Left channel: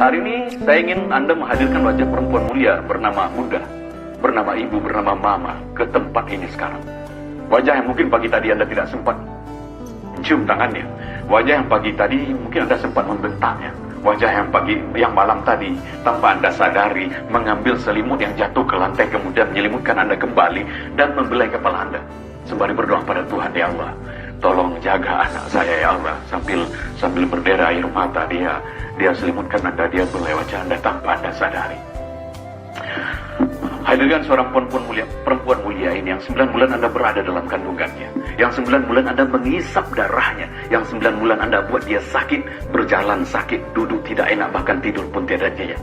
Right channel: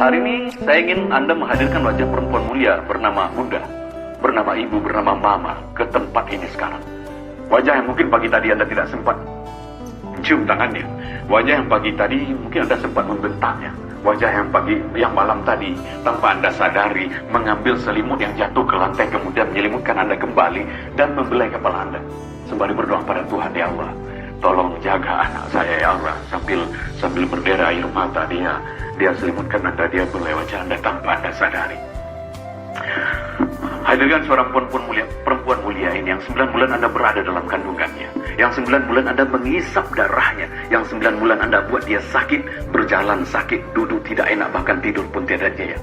Hari ini saya ingin Anda menghadirkan wajah perempuan mulia bernama Bunda, bernama Ibu, bernama Mama ke tempat ini sekarang. Wajah yang mungkin pagi tadi Anda tidak sempat cium tangannya. Wajah yang pagi tadi mungkin Anda sempat membentaknya. Wajah yang malam tadi tanpa Anda sadari mengambil selimut yang jatuh ke lantai kemudian menyelimutkan Anda kembali dan membelai kepala Anda. Sembari berdoa pada Tuhan, ya Allah, tolong jaga anak saya ya Allah. Sambil berdera air mata dia selimutkan Anda, dia belai wajah Anda tanpa Anda sadari. Hadirin seorang perempuan mulia ini yang 9 bulan Anda berada dalam kandungannya, yang 9 bulan Anda mengisap darahnya, yang 9 bulan Anda buat dia sakit, berjalan sakit, duduk tidak enak, bahkan tidur pun tidak jaya.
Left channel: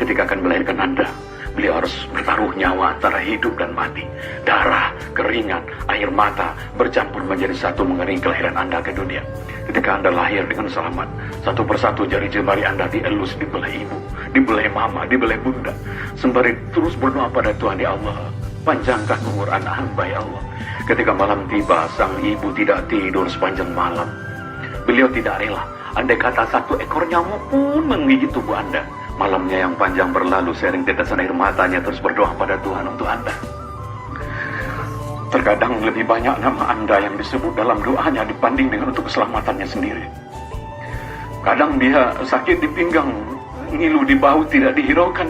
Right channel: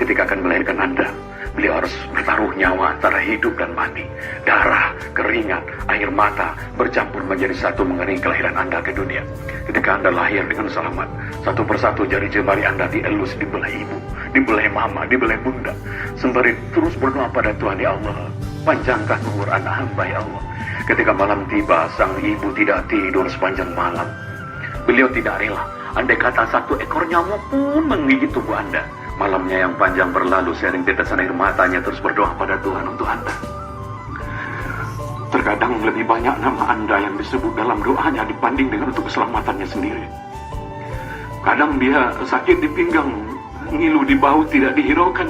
Ketika akan melahirkan Anda, beliau harus bertaruh nyawa antara hidup dan mati. Darah, keringat, air mata bercampur menjadi satu mengenai kelahiran Anda ke dunia. Ketika Anda lahir dengan selamat, satu persatu jari jemari Anda dielus, dibelai ibu, dibelai mama, dibelai bunda. Sembari terus berdoa pada Tuhan, ya Allah, panjangkan umur anak hamba ya Allah. Ketika malam tiba, sang ibu tidak tidur sepanjang malam. Beliau tidak rela, andai kata satu ekor nyamuk pun menggigit tubuh Anda. Malamnya yang panjang berlalu, sering tetesan air matanya terus berdoa pada Tuhan untuk Anda. Terkadang lebih banyak nama Anda yang disebut dalam doanya dibanding dengan untuk keselamatannya sendiri. Kadang dia sakit di pinggang, ngilu di bahu tidak dihiraukan,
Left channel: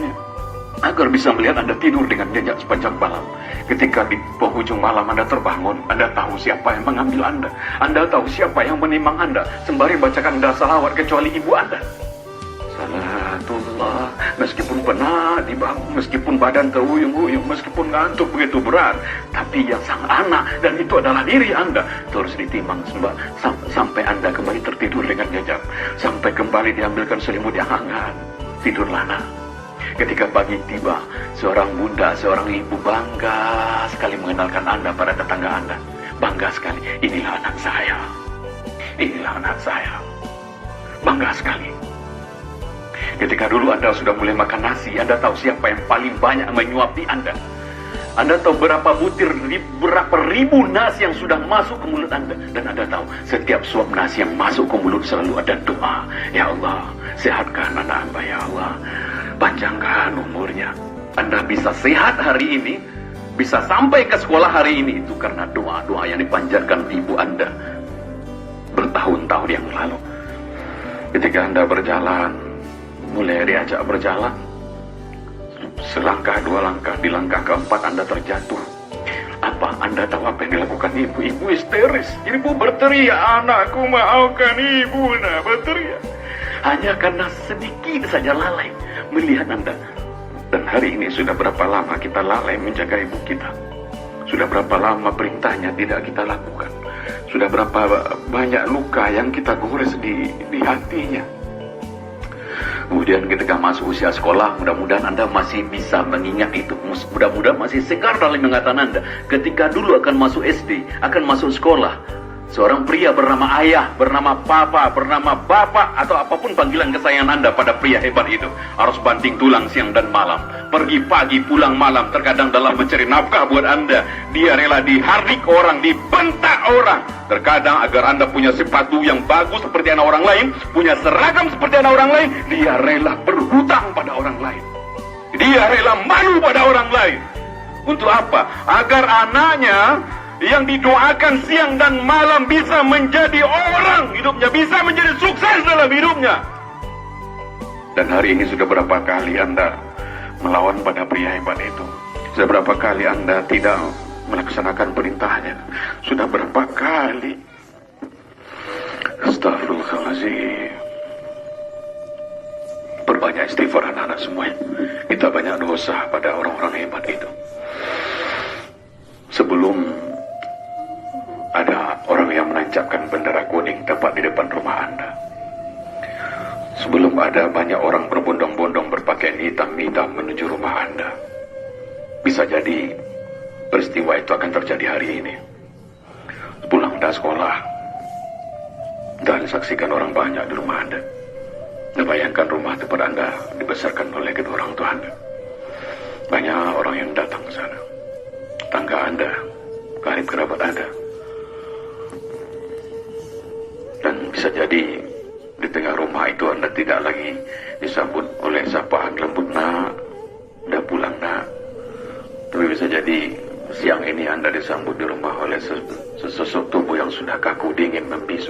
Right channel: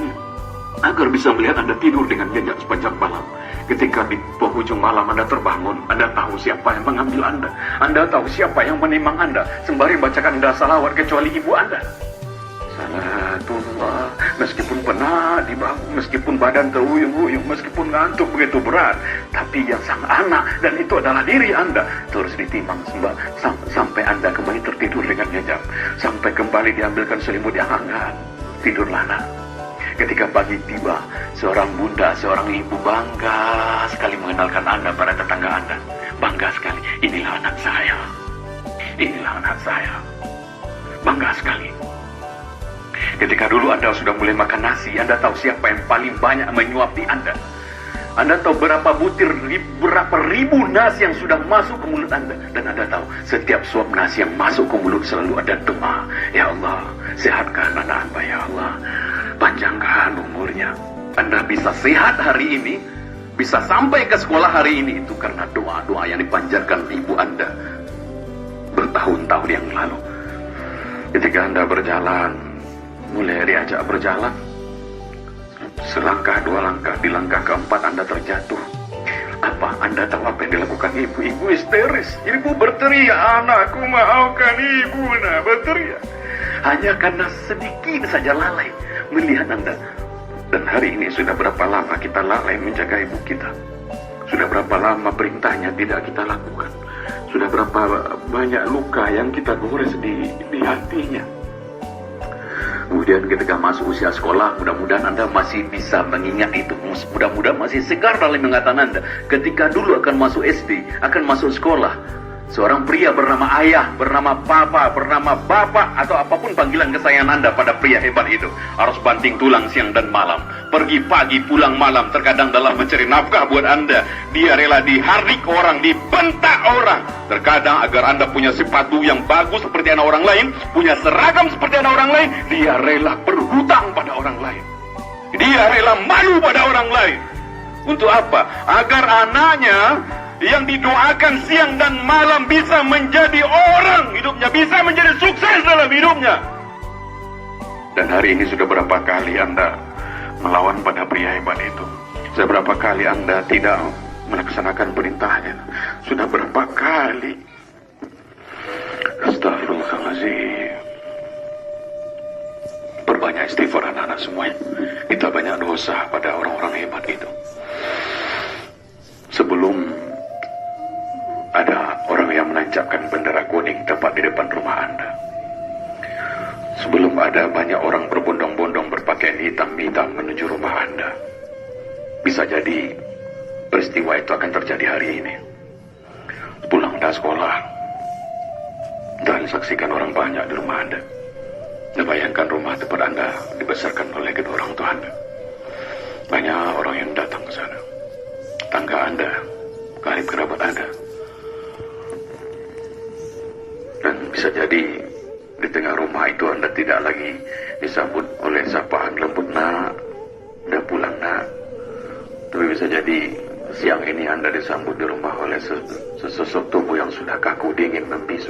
agar bisa melihat Anda tidur dengan nyenyak sepanjang malam. Ketika di penghujung malam Anda terbangun, Anda tahu siapa yang mengambil Anda. Anda tahu siapa yang menimang Anda. Sembari bacakan Anda salawat kecuali ibu Anda. Salatullah, meskipun penat di bahu, meskipun badan teruyung-uyung, meskipun ngantuk begitu berat, tapi yang sang anak, dan itu adalah diri Anda, terus ditimbang sampai Anda kembali tertidur dengan nyenyak, sampai kembali diambilkan selimut yang hangat. Tidurlah nak. Ketika pagi tiba, seorang bunda, seorang ibu bangga sekali mengenalkan Anda pada tetangga Anda. Bangga sekali, inilah anak saya, inilah anak saya. Bangga sekali. Ketika dulu Anda sudah mulai makan nasi, Anda tahu siapa yang paling banyak menyuapi Anda. Anda tahu berapa ribu nasi yang sudah masuk ke mulut Anda. Dan Anda tahu setiap suap nasi yang masuk ke mulut selalu ada doa. Ya Allah, sehatkan anak hamba ya Allah, panjangkan umurnya. Anda bisa sehat hari ini, bisa sampai ke sekolah hari ini, itu karena doa-doa yang dipanjatkan ibu Anda bertahun-tahun yang lalu. Ketika Anda berjalan, mulai diajak berjalan, selangkah dua langkah, di langkah keempat Anda terjatuh. Apa Anda tahu apa yang dilakukan ibu? Ibu histeris, ibu berteriak, anakku maafkan ibu, nah berteriak. Hanya karena sedikit saja lalai melihat Anda. Dan hari ini sudah berapa lama kita lalai menjaga ibu kita? Sudah berapa lama perintahnya tidak kita lakukan? Sudah berapa banyak luka yang kita gores di hatinya? Kemudian ketika masuk usia sekolah, mudah-mudahan Anda masih bisa mengingat itu. Mudah-mudahan masih segar dalam ingatan Anda. Ketika dulu akan masuk SD, akan masuk sekolah, seorang pria bernama ayah, bernama papa, bernama bapak, atau apapun panggilan kesayangan Anda pada pria hebat itu, harus banting tulang siang dan malam, pergi pagi pulang malam, terkadang dalam mencari nafkah buat Anda, dia rela dihardik orang, dibentak orang, terkadang agar Anda punya sepatu yang bagus seperti anak orang lain, punya seragam seperti anak orang lain, dia rela berhutang pada orang lain, dia rela malu pada orang lain. Untuk apa? Agar anaknya yang didoakan siang dan malam bisa menjadi orang hidupnya, bisa menjadi sukses dalam hidupnya. Dan hari ini sudah berapa kali Anda melawan pada pria hebat itu? Sudah berapa kali Anda tidak melaksanakan perintahnya? Sudah berapa kali? Astagfirullahaladzim. Perbanyak istighfar anak-anak semua. Kita banyak dosa pada orang-orang hebat itu. Sebelum ada orang yang menancapkan bendera kuning tepat di depan rumah Anda, sebelum ada banyak orang berbondong-bondong berpakaian hitam-hitam menuju rumah Anda, bisa jadi peristiwa itu akan terjadi hari ini. Pulang dari sekolah, dan saksikan orang banyak di rumah Anda. Bayangkan rumah tempat Anda dibesarkan oleh kedua orang tua Anda. Banyak orang yang datang ke sana, tangga Anda, karib kerabat Anda. Dan bisa jadi di tengah rumah itu Anda tidak lagi disambut oleh sesosok tubuh yang sudah kaku, dingin, membisu.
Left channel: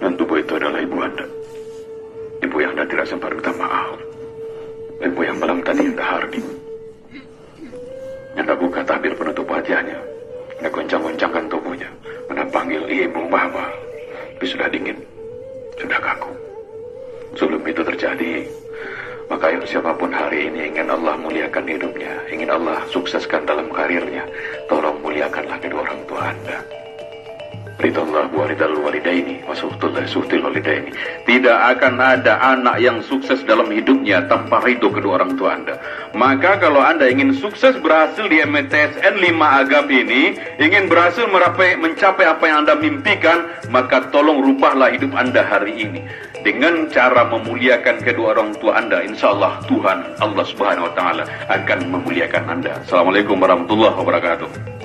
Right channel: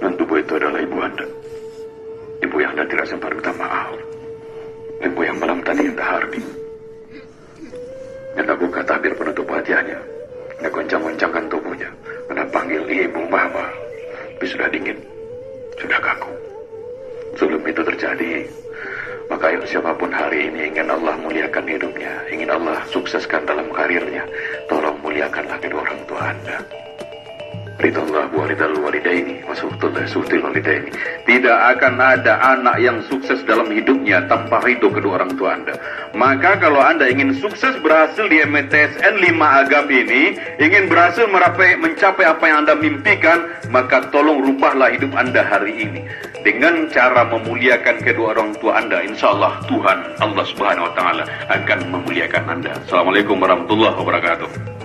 Dan tubuh itu adalah ibu Anda. Ibu yang Anda tidak sempat minta maaf. Ibu yang malam tadi Hardi. Anda buka tabir penutup wajahnya. Anda goncang-goncangkan tubuhnya. Anda panggil ibu, mama. Tapi sudah dingin, sudah kaku. Sebelum itu terjadi, maka siapapun hari ini ingin Allah muliakan hidupnya, ingin Allah sukseskan dalam karirnya, tolong muliakanlah kedua orang tua Anda. Ridallah wa ridal walidaini wa suhtul walidaini. Tidak akan ada anak yang sukses dalam hidupnya tanpa ridho kedua orang tua Anda. Maka kalau Anda ingin sukses berhasil di MTSN 5 Agam ini, ingin berhasil mencapai apa yang Anda mimpikan, maka tolong rubahlah hidup Anda hari ini dengan cara memuliakan kedua orang tua Anda. Insya Allah Tuhan Allah Subhanahu Wa Taala akan memuliakan Anda. Assalamualaikum warahmatullahi wabarakatuh.